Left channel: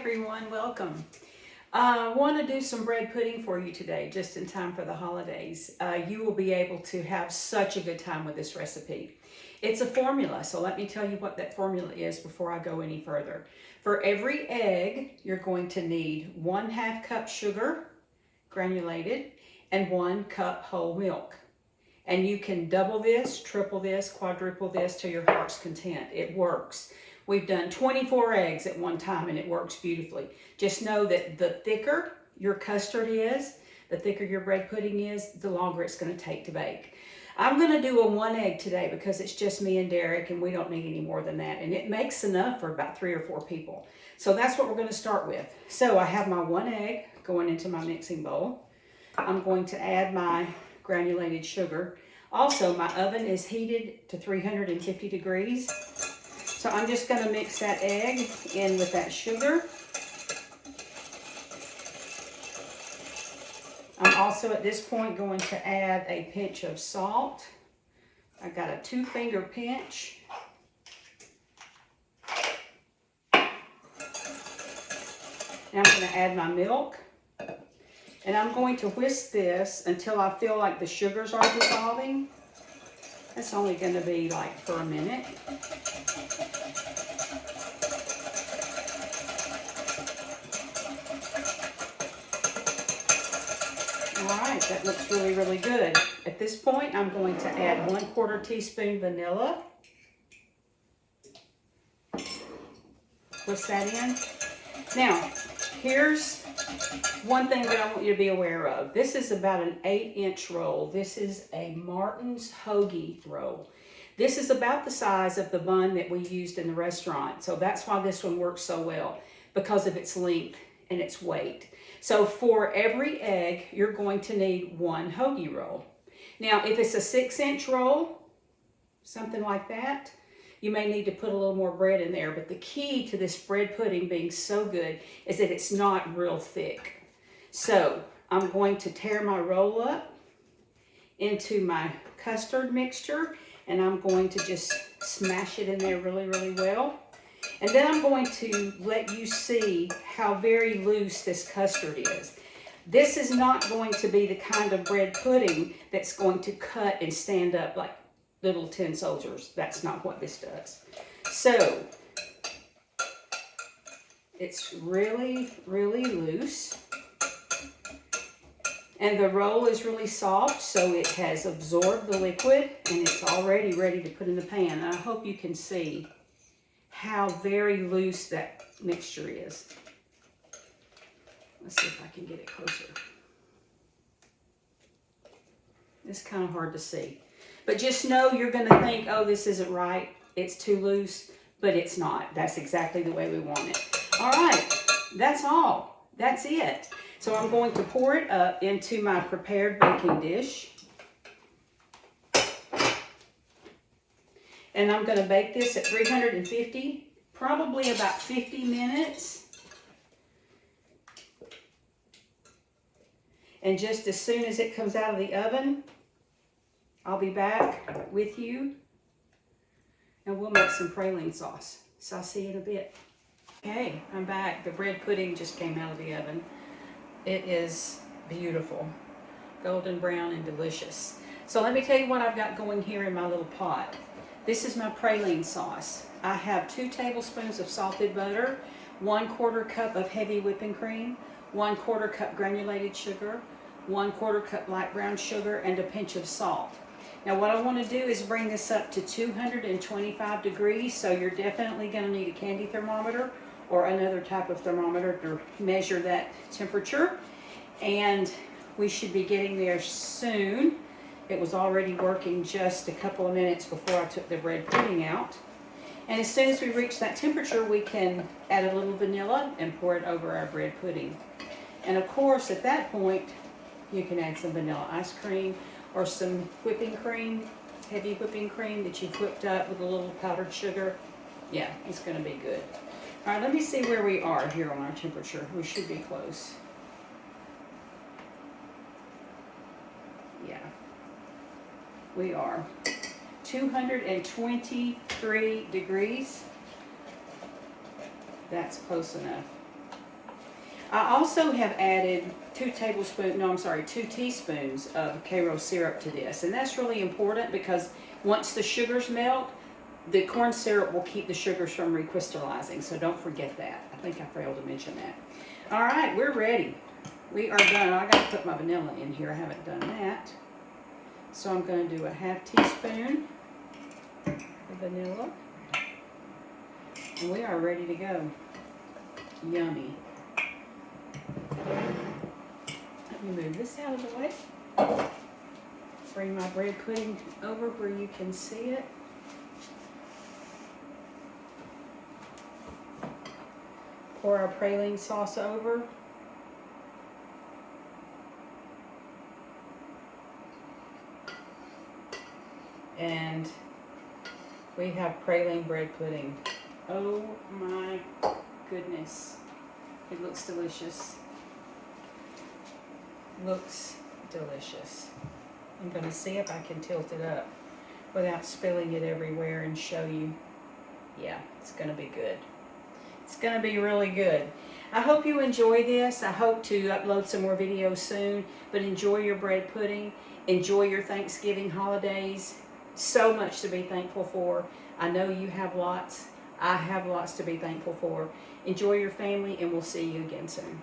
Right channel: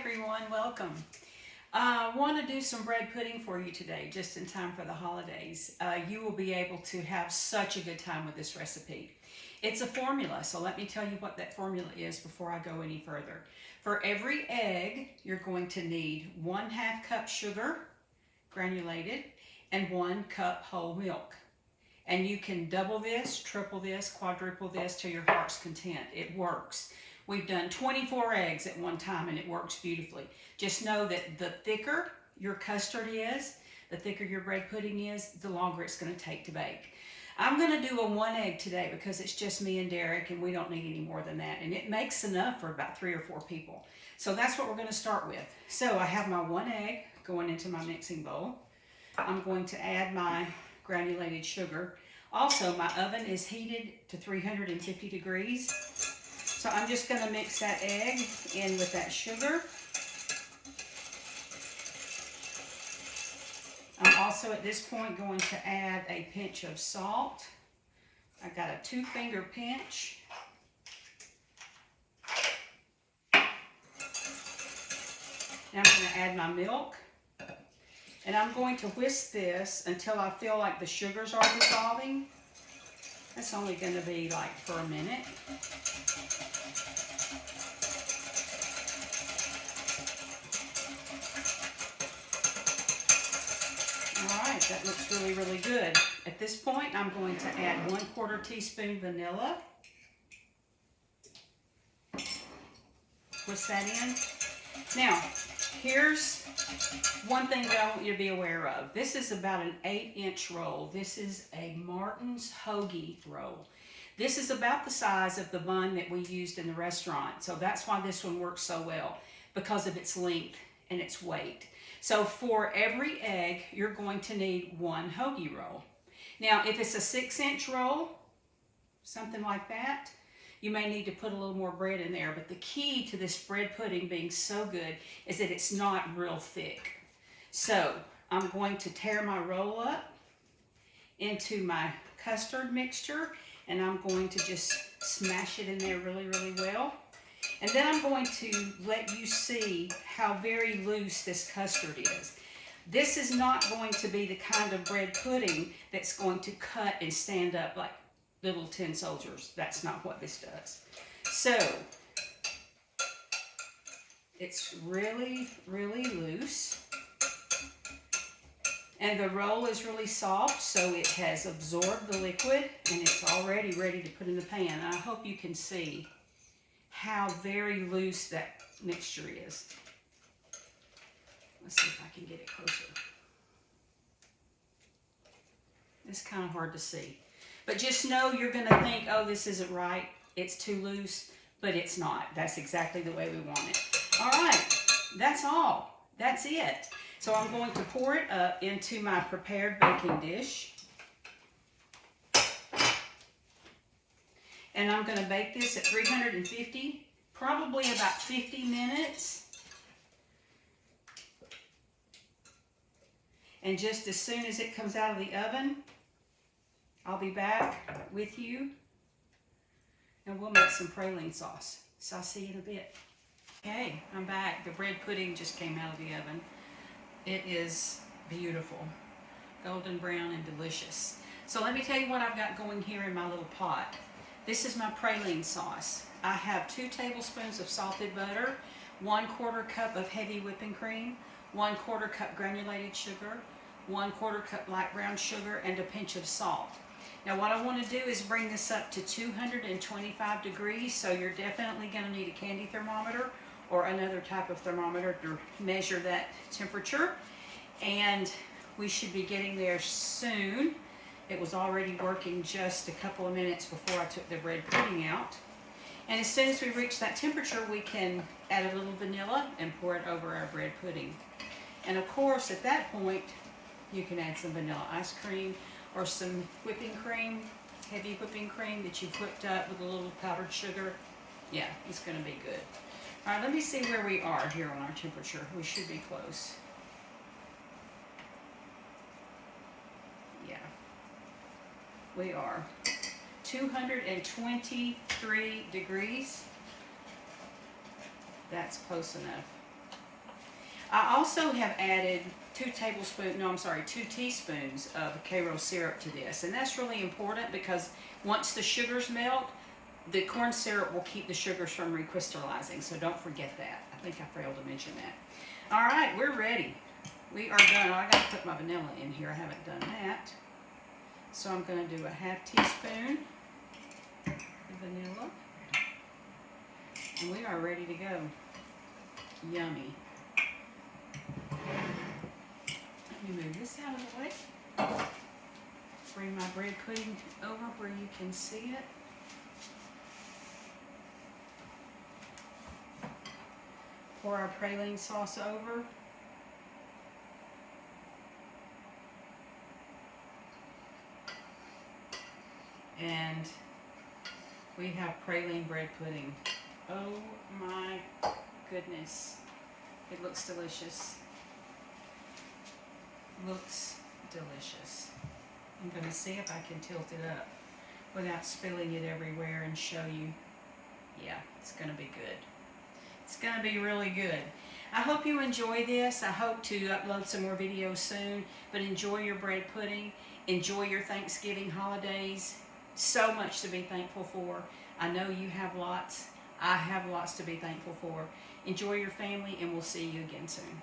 everyone, welcome. I want to do some bread pudding for you today, just in time for the holidays. You will be able to have such a good time with this recipe. It's a formula, so let me tell you what that formula is before I go any further. For every egg, you're going to need 1/2 cup sugar, granulated, and 1 cup whole milk. And you can double this, triple this, quadruple this to your heart's content. It works. We've done 24 eggs at one time and it works beautifully. Just know that the thicker your custard is, the thicker your bread pudding is, the longer it's going to take to bake. I'm going to do a 1 egg today because it's just me and Derek and we don't need any more than that. And it makes enough for about 3 or 4 people. So that's what we're going to start with. So I have my 1 egg going into my mixing bowl. I'm going to add my granulated sugar. Also, my oven is heated to 350 degrees. So I'm just going to mix that egg in with that sugar. I'm also at this point going to add a pinch of salt. I got a 2-finger pinch. Now I'm going to add my milk. And I'm going to whisk this until I feel like the sugars are dissolving. That's only going to be like for a minute. Alright, that looks really, really good. At this point, I'm going to add 1/4 teaspoon vanilla. Whisk that in. Now, here's one thing that I want you to be aware of. This is about an 8-inch roll. This is a Martin's hoagie roll. This is about the size of the bun that we used in the restaurant. So that's why this one works so well, because of its length and its weight. So for every egg, you're going to need 1 hoagie roll. Now, if it's a 6-inch roll, something like that, you may need to put a little more bread in there. But the key to this bread pudding being so good is that it's not real thick. So I'm going to tear my roll up into my custard mixture, and I'm going to just smash it in there really, really well. And then I'm going to let you see how very loose this custard is. This is not going to be the kind of bread pudding that's going to cut and stand up like little tin soldiers. That's not what this does. So it's really, really loose. And the roll is really soft, so it has absorbed the liquid and it's already ready to put in the pan. And I hope you can see how very loose that mixture is. Let's see if I can get it closer. It's kind of hard to see. But just know you're going to think, oh, this isn't right. It's too loose, but it's not. That's exactly the way we want it. All right, that's all. That's it. So I'm going to pour it up into my prepared baking dish. And I'm going to bake this at 350, probably about 50 minutes. And just as soon as it comes out of the oven, I'll be back with you and we'll make some praline sauce. So I'll see you in a bit. Okay, I'm back. The bread pudding just came out of the oven. It is beautiful, golden brown and delicious. So let me tell you what I've got going here in my little pot. This is my praline sauce. I have 2 tablespoons of salted butter, 1/4 cup of heavy whipping cream, 1/4 cup granulated sugar, 1/4 cup light brown sugar, and a pinch of salt. Now what I want to do is bring this up to 225 degrees, so you're definitely going to need a candy thermometer or another type of thermometer to measure that temperature. And we should be getting there soon. It was already working just a couple of minutes before I took the bread pudding out. And as soon as we reach that temperature, we can add a little vanilla and pour it over our bread pudding. And of course, at that point, you can add some vanilla ice cream or some whipping cream, heavy whipping cream that you've whipped up with a little powdered sugar. Yeah, it's going to be good. All right, let me see where we are here on our temperature. We should be close. Yeah, we are 223 degrees. That's close enough. I also have added 2 teaspoons of Karo syrup to this. And that's really important because once the sugars melt, the corn syrup will keep the sugars from recrystallizing. So don't forget that. I think I failed to mention that. All right, we're ready. We are done. I got to put my vanilla in here. I haven't done that. So I'm going to do a 1/2 teaspoon of vanilla. And we are ready to go. Yummy. Let me move this out of the way. Bring my bread pudding over where you can see it. Pour our praline sauce over. And we have praline bread pudding. Oh my goodness. It looks delicious. Looks delicious. I'm going to see if I can tilt it up without spilling it everywhere and show you. Yeah, it's going to be good. It's going to be really good. I hope you enjoy this. I hope to upload some more videos soon. But enjoy your bread pudding. Enjoy your Thanksgiving holidays. So much to be thankful for. I know you have lots. I have lots to be thankful for. Enjoy your family, and we'll see you again soon.